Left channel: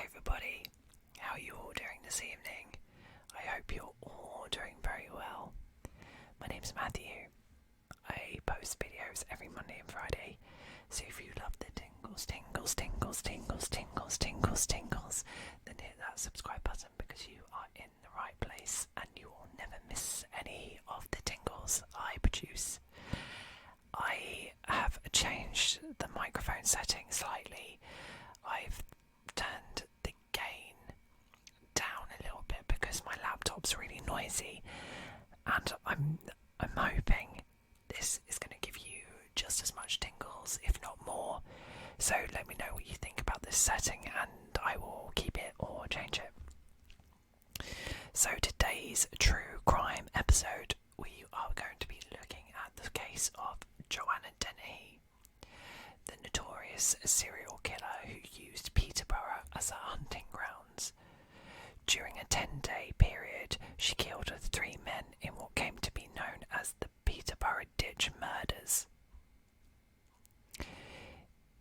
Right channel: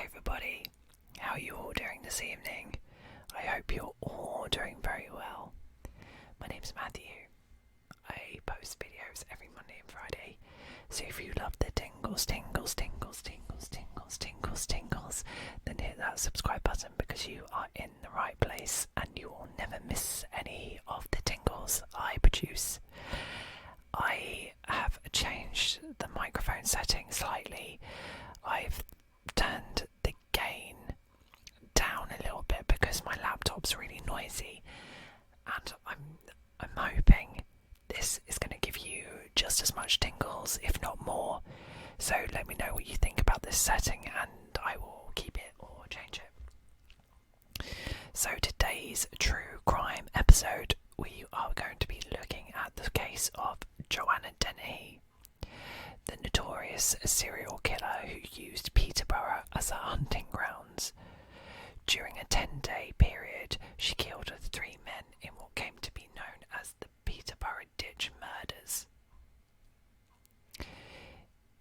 Hi everybody, how are you all doing this evening? I hope you're all doing very well. My name's Matthew. I post videos every Monday and Friday, so if you love the tingles, then hit that subscribe button because you are in the right place and you will never miss any of the tingles I produce. I have changed the microphone setting slightly. I've turned the gain down a little bit because my laptop's really noisy, and I'm hoping this is going to give you just as much tingles, if not more. So let me know what you think about this setting and I will keep it or change it. So today's true crime episode, we are going to be looking at the case of Joanna Dennehy, the notorious serial killer who used Peterborough as her hunting grounds. During a 10-day period, she killed 3 men in what came to be known as the Peterborough Ditch Murders.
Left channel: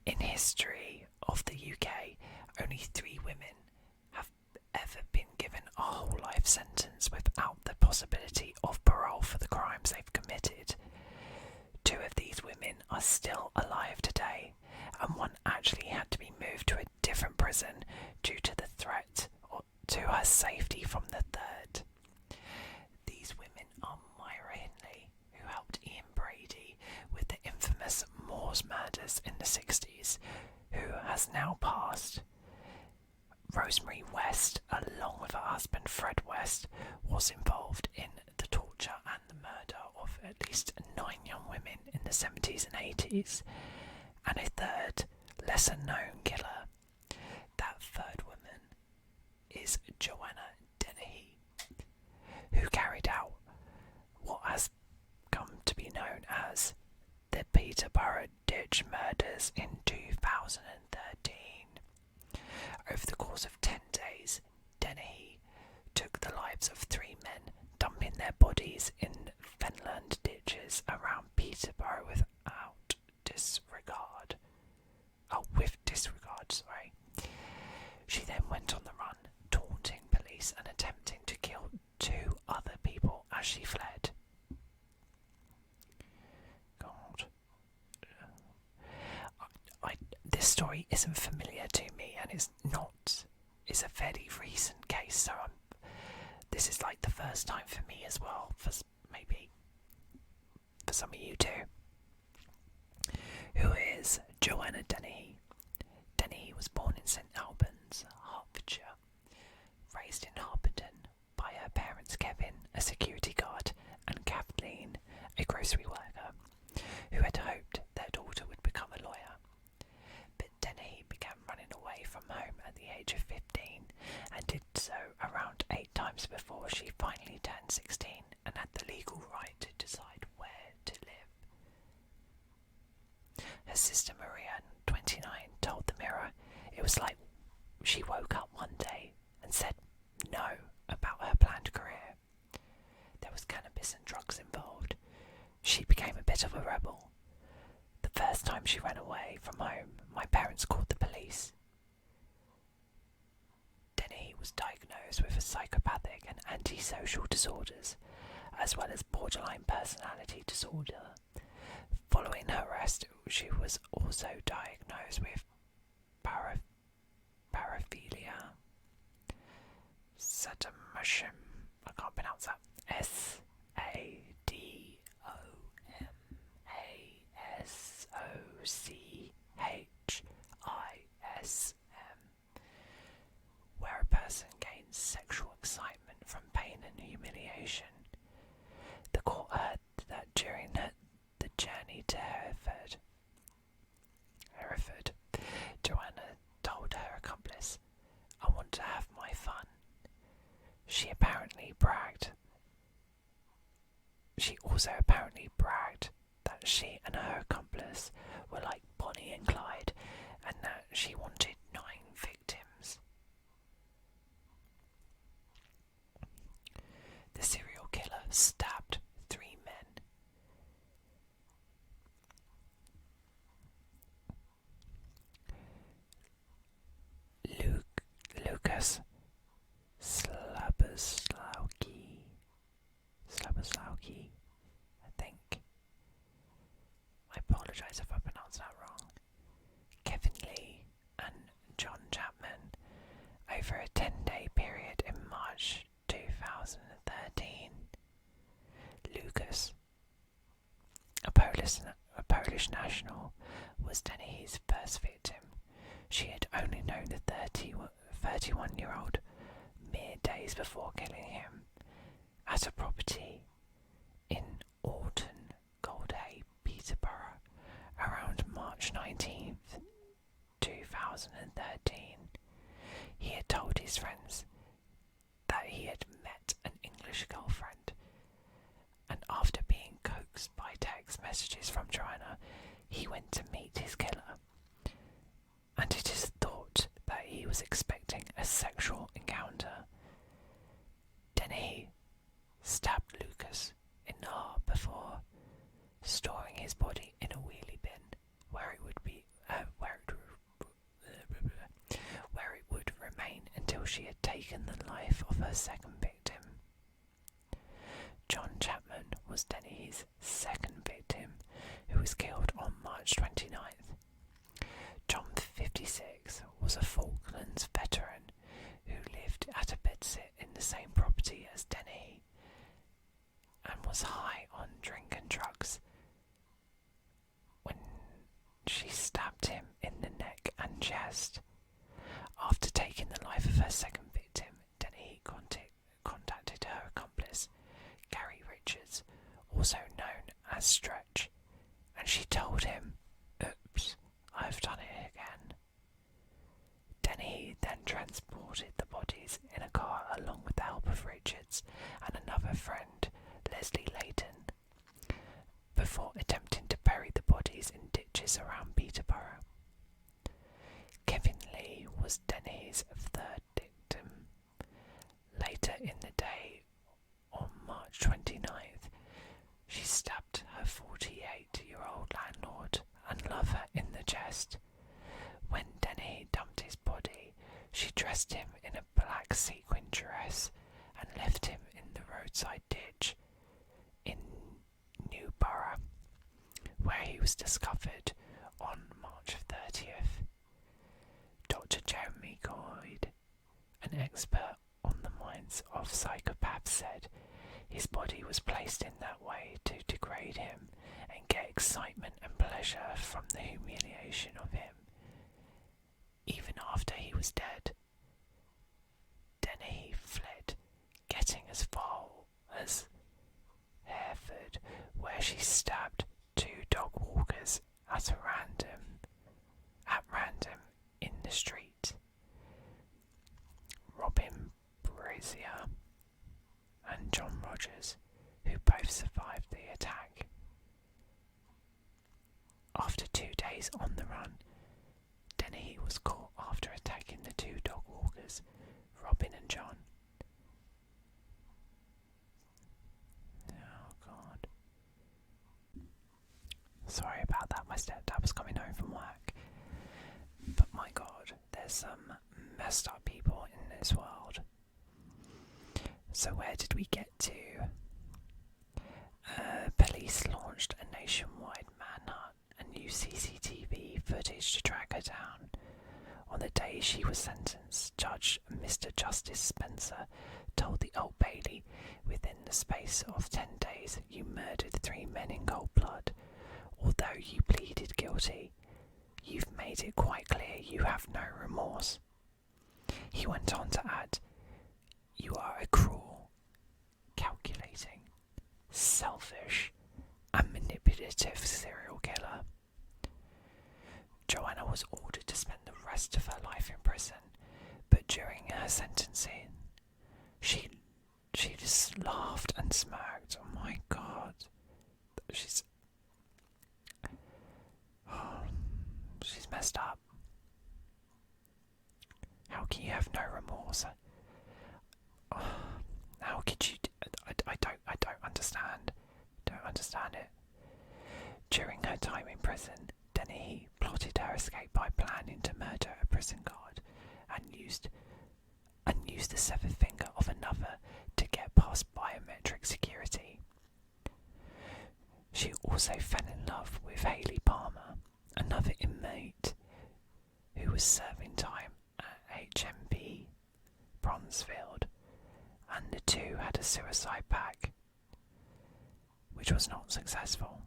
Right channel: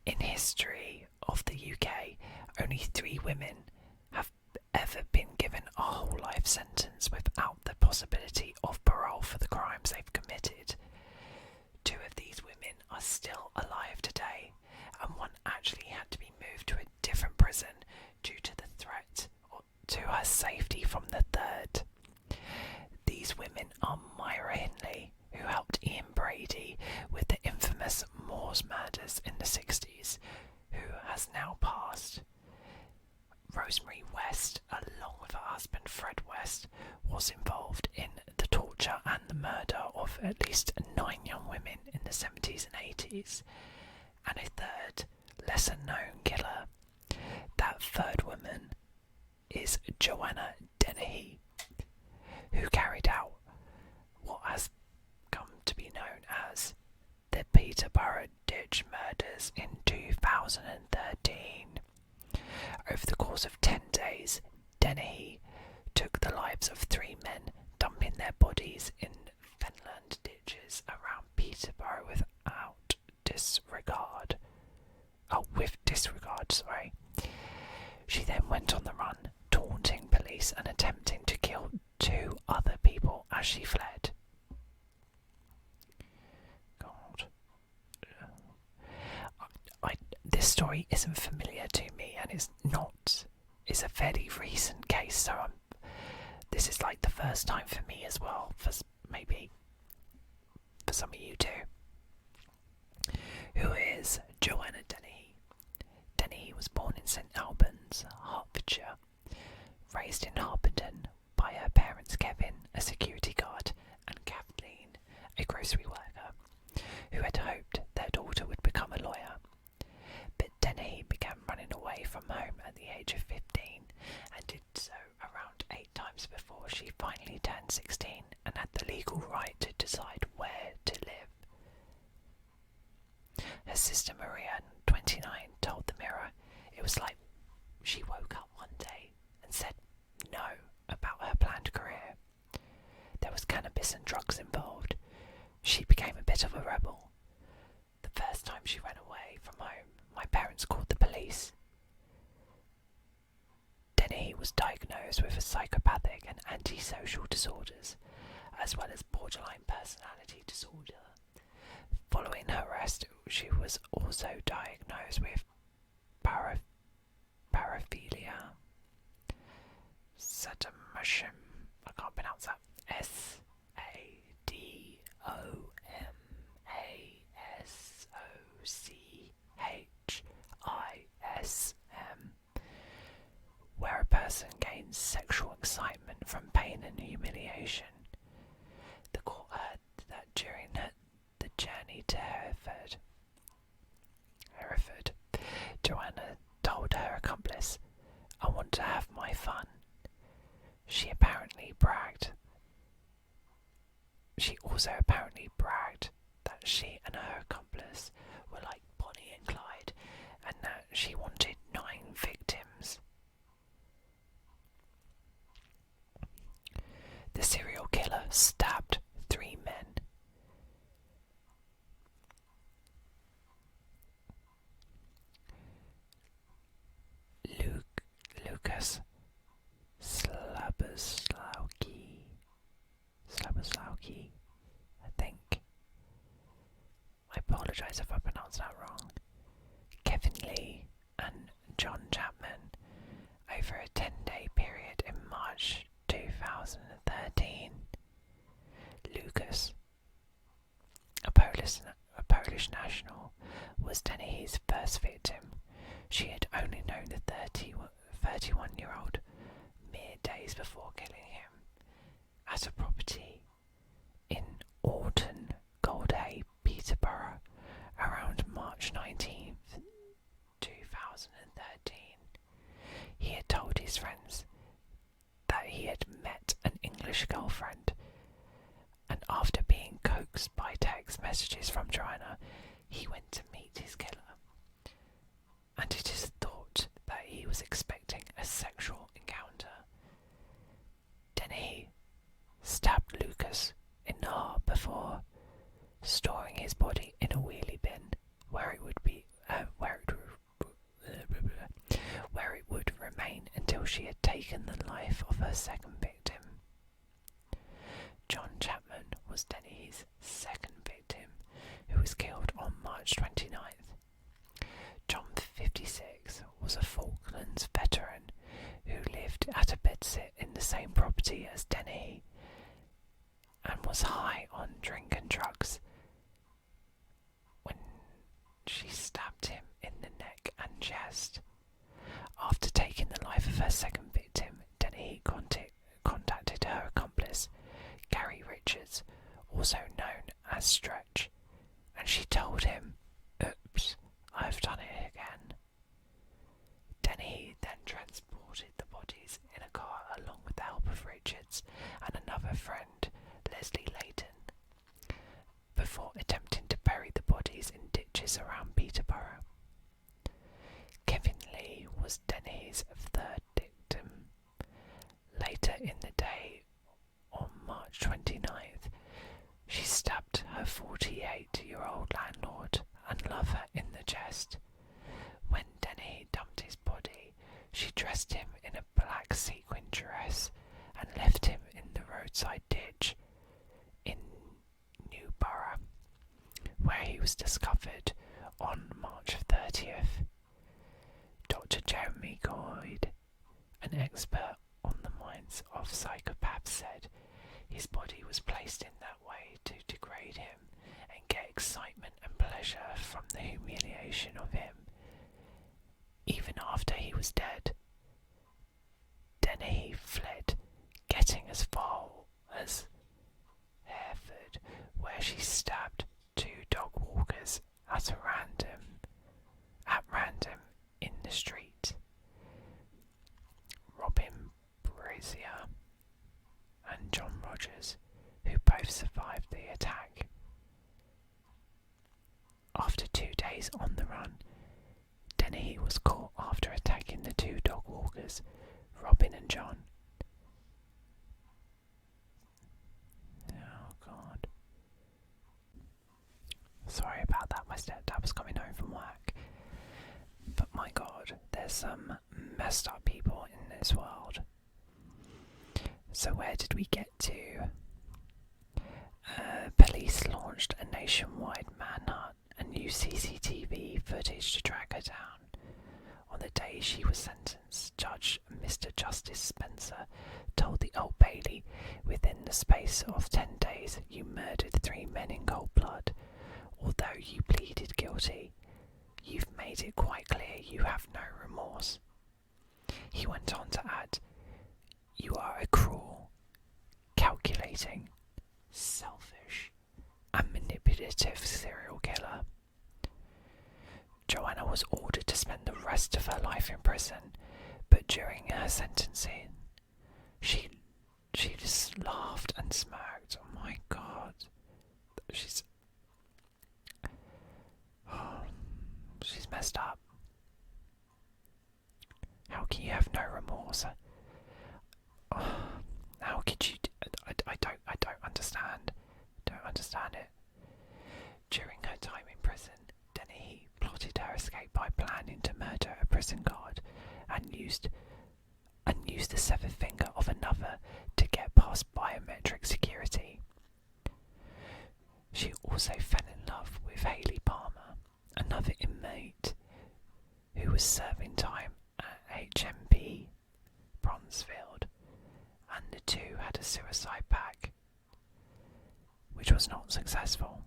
In history of the UK, only 3 women have ever been given a whole life sentence without the possibility of parole for the crimes they've committed. 2 of these women are still alive today, and one actually had to be moved to a different prison due to the threat to her safety from the third. These women are Myra Hindley, who helped Ian Brady with the infamous Moors murders in the 60s, who has now passed. Rosemary West, along with her husband Fred West, was involved in the torture and the murder of at least 9 young women in the 70s and 80s, and a third, lesser known killer. That third woman is Joanna Dennehy, who carried out what has come to be known as the Peterborough Ditch Murders in 2013. Over the course of 10 days, Dennehy took the lives of 3 men, dumping their bodies in fenland ditches around Peterborough with disregard. She then went on the run, taunting police and attempting to kill 2 other people as she fled. God. This story isn't familiar to me, and it's a fairly recent case, so this is like the first time for me as well, maybe for some of you too. Who is Joanna Dennehy? Dennehy was born in St Albans, Hertfordshire, raised in Harpenden by her parents Kevin, a security guard, and Kathleen, a grocery worker, who had hoped their daughter would become a lawyer. But Dennehy began running away from home at the age of 15 and did so around 8 times before she finally turned 16 and had the legal right to decide where to live. Her sister Maria, 29, told the Mirror it was like she woke up one day and said no about her planned career. There was cannabis and drugs involved. She became a bit of a rebel. The first time she ran away from home, my parents called the police. Dennehy was diagnosed with psychopathic and antisocial disorders, as well as borderline personality disorder. Following her arrest, she was also diagnosed with paraphilia, sadomashim, I can't pronounce that, SADOMASOCHISM, where a person gains sexual excitement from pain and humiliation. The court heard that during the journey to Hereford, Joanna told her accomplice, "I want to have my fun." She also apparently bragged that she and her accomplice were like Bonnie and Clyde, and that she wanted 9 victims. The serial killer stabbed 3 men. apologise if I pronounced that wrong. Kevin Lee and John Chapman over a 10-day period in March 2013. Lucas, a Polish national, was Dennehy's first victim. She had only known the 31-year-old mere days before killing him at a property in Alton Goldhay, Peterborough, around March 19th, 2013. He had told his friends that he had met an English girlfriend, and after being coaxed by text messages from Joanna, he went to meet his killer. And it is thought that he was expecting a sexual encounter. Dennehy stabbed Lucas in the heart before storing his body in a wheelie bin, where it would remain until she had taken the life of her second victim. John Chapman was Dennehy's second victim, who was killed on March 29th. John, 56, was a Falklands veteran who lived at a bedsit in the same property as Dennehy and was high on drink and drugs when she stabbed him in the neck and chest. After taking the life of her second victim, Dennehy contacted her accomplice, Gary Richards, also known as Stretch, and she told him, "Oops, I've done it again." Dennehy then transported the bodies in a car along with the help of Richards and another friend, Leslie Layton, before attempting to bury the bodies in ditches around Peterborough. Kevin Lee was Dennehy's third victim. Later in the day, on March 29th, she stabbed her 48-year-old landlord and lover in the chest. When Dennehy dumped his body, she dressed him in a black sequin dress and left him in the roadside ditch in Newborough, where he was discovered on March 30th. Dr. Jeremy Goyd, an expert on the minds of psychopaths, said his body was placed in that way to degrade him and get excitement and pleasure from the humiliation of him, even after he was dead. Dennehy fled, getting as far as Hereford, where she stabbed 2 dog walkers at random in the street. Robin Brazier and John Rogers, who both survived the attack. After 2 days on the run, Dennehy was caught after attacking the 2 dog walkers, Robin and John. Oh God. Sorry about that, my stepdad was coming home from work. But my God, there's some messed up people in this world. So where did we get to? Police launched a nationwide manhunt and used CCTV footage to track her down. On the day she was sentenced, Judge Mr. Justice Spencer told the Old Bailey, "Within the space of 10 days, you murdered 3 men in cold blood. Although you pleaded guilty, you've made it quite clear you have no remorse." He went on to add, "You are a cruel, calculating, selfish, and manipulative serial killer." Joanna was ordered to spend the rest of her life in prison, but during her sentencing, she just laughed and smirked. Oh my God. She's messed up. How can you have no remorse? How could you? I don't understand. Don't understand it. During her time in prison, Dennehy plotted her escape by planning to murder a prison guard and used the severed finger of another to get past biometric security. She also fell in love with Hayley Palmer, another inmate who was serving time at HMP Bronzefield, and the two had a suicide pact, which was not successful.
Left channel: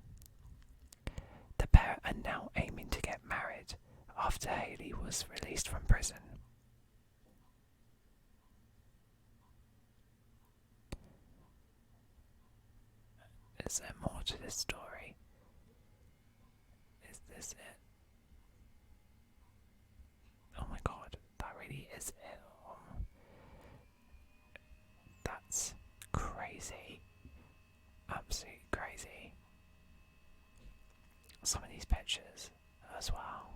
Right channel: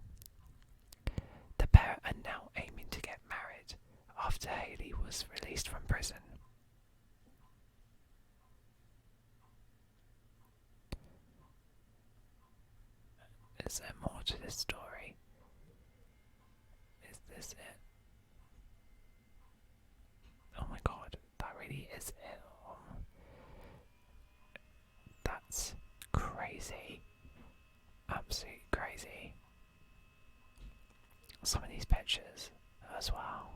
The pair are now aiming to get married after Hayley was released from prison. Is there more to this story? Is this it? Oh my god, that really is it. That's crazy. Absolutely crazy. Some of these pictures as well.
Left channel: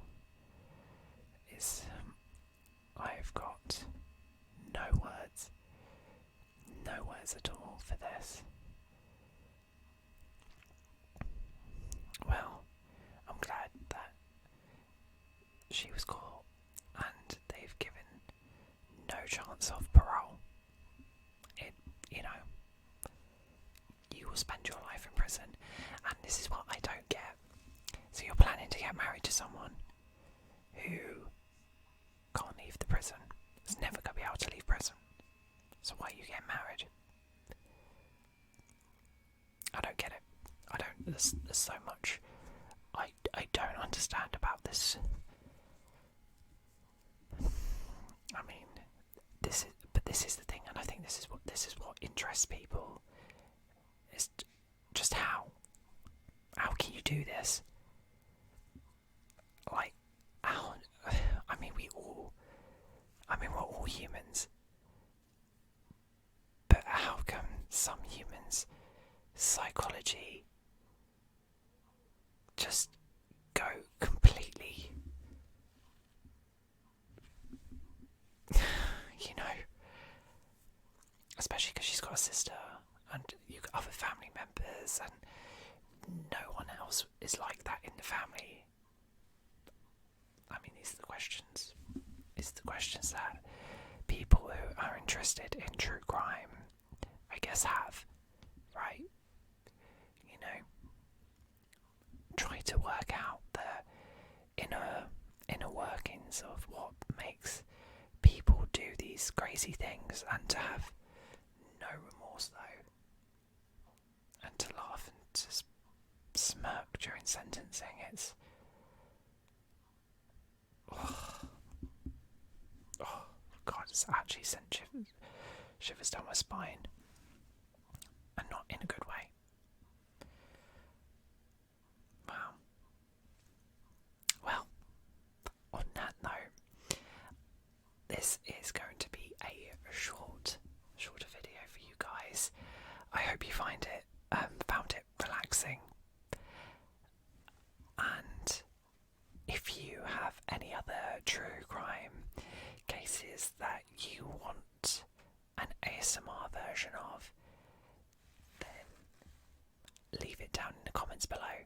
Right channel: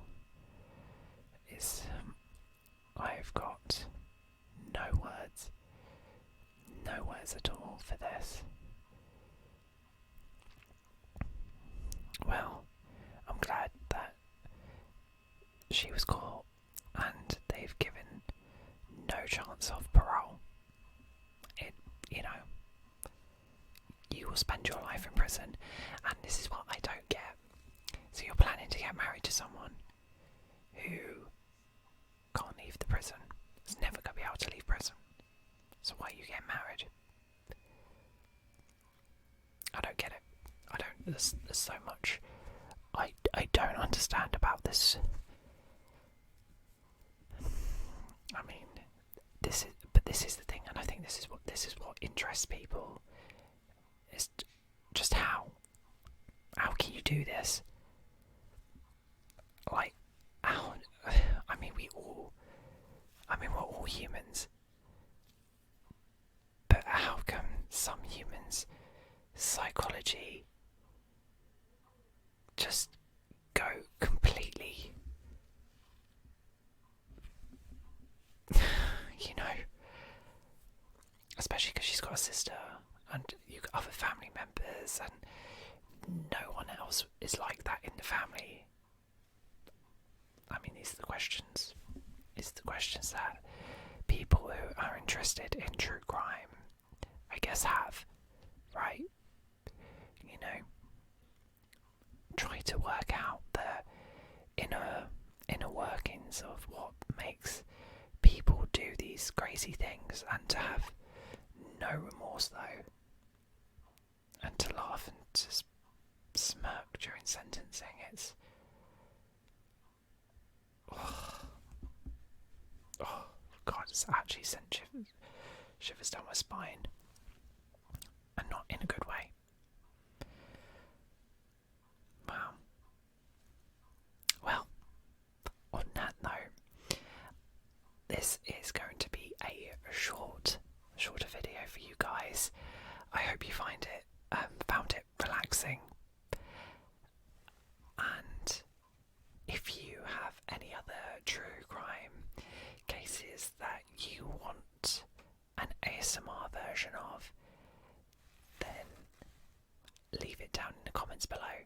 I've got no words. No words at all for this. Well, I'm glad that she was caught and they've given no chance of parole. You will spend your life in prison, and this is what I don't get. So you're planning to get married to someone who can't leave the prison, is never going to be able to leave prison. So why are you getting married? I don't get it. There's so much I don't understand about this. I mean, this is the thing, and I think this is what interests people. Is just how can you do this? Like, how? We're all humans, but how come some humans' psychology just go completely, especially because she's got a sister and you've got other family members, and no one else is like that in the family. I mean, these are the questions. It's the questions that people who are interested in true crime, I guess, have, right? Try to work out the inner workings of what makes people do these crazy things, and to have no remorse though, and to laugh and to smirk during sentencing. It's God, it's actually sent shivers down my spine, and not in a good way. Wow. Well, on that note, this is going to be a shorter video for you guys. I hope you found it relaxing, and if you have any other true crime cases that you want an ASMR version of, then leave it down in the comments below.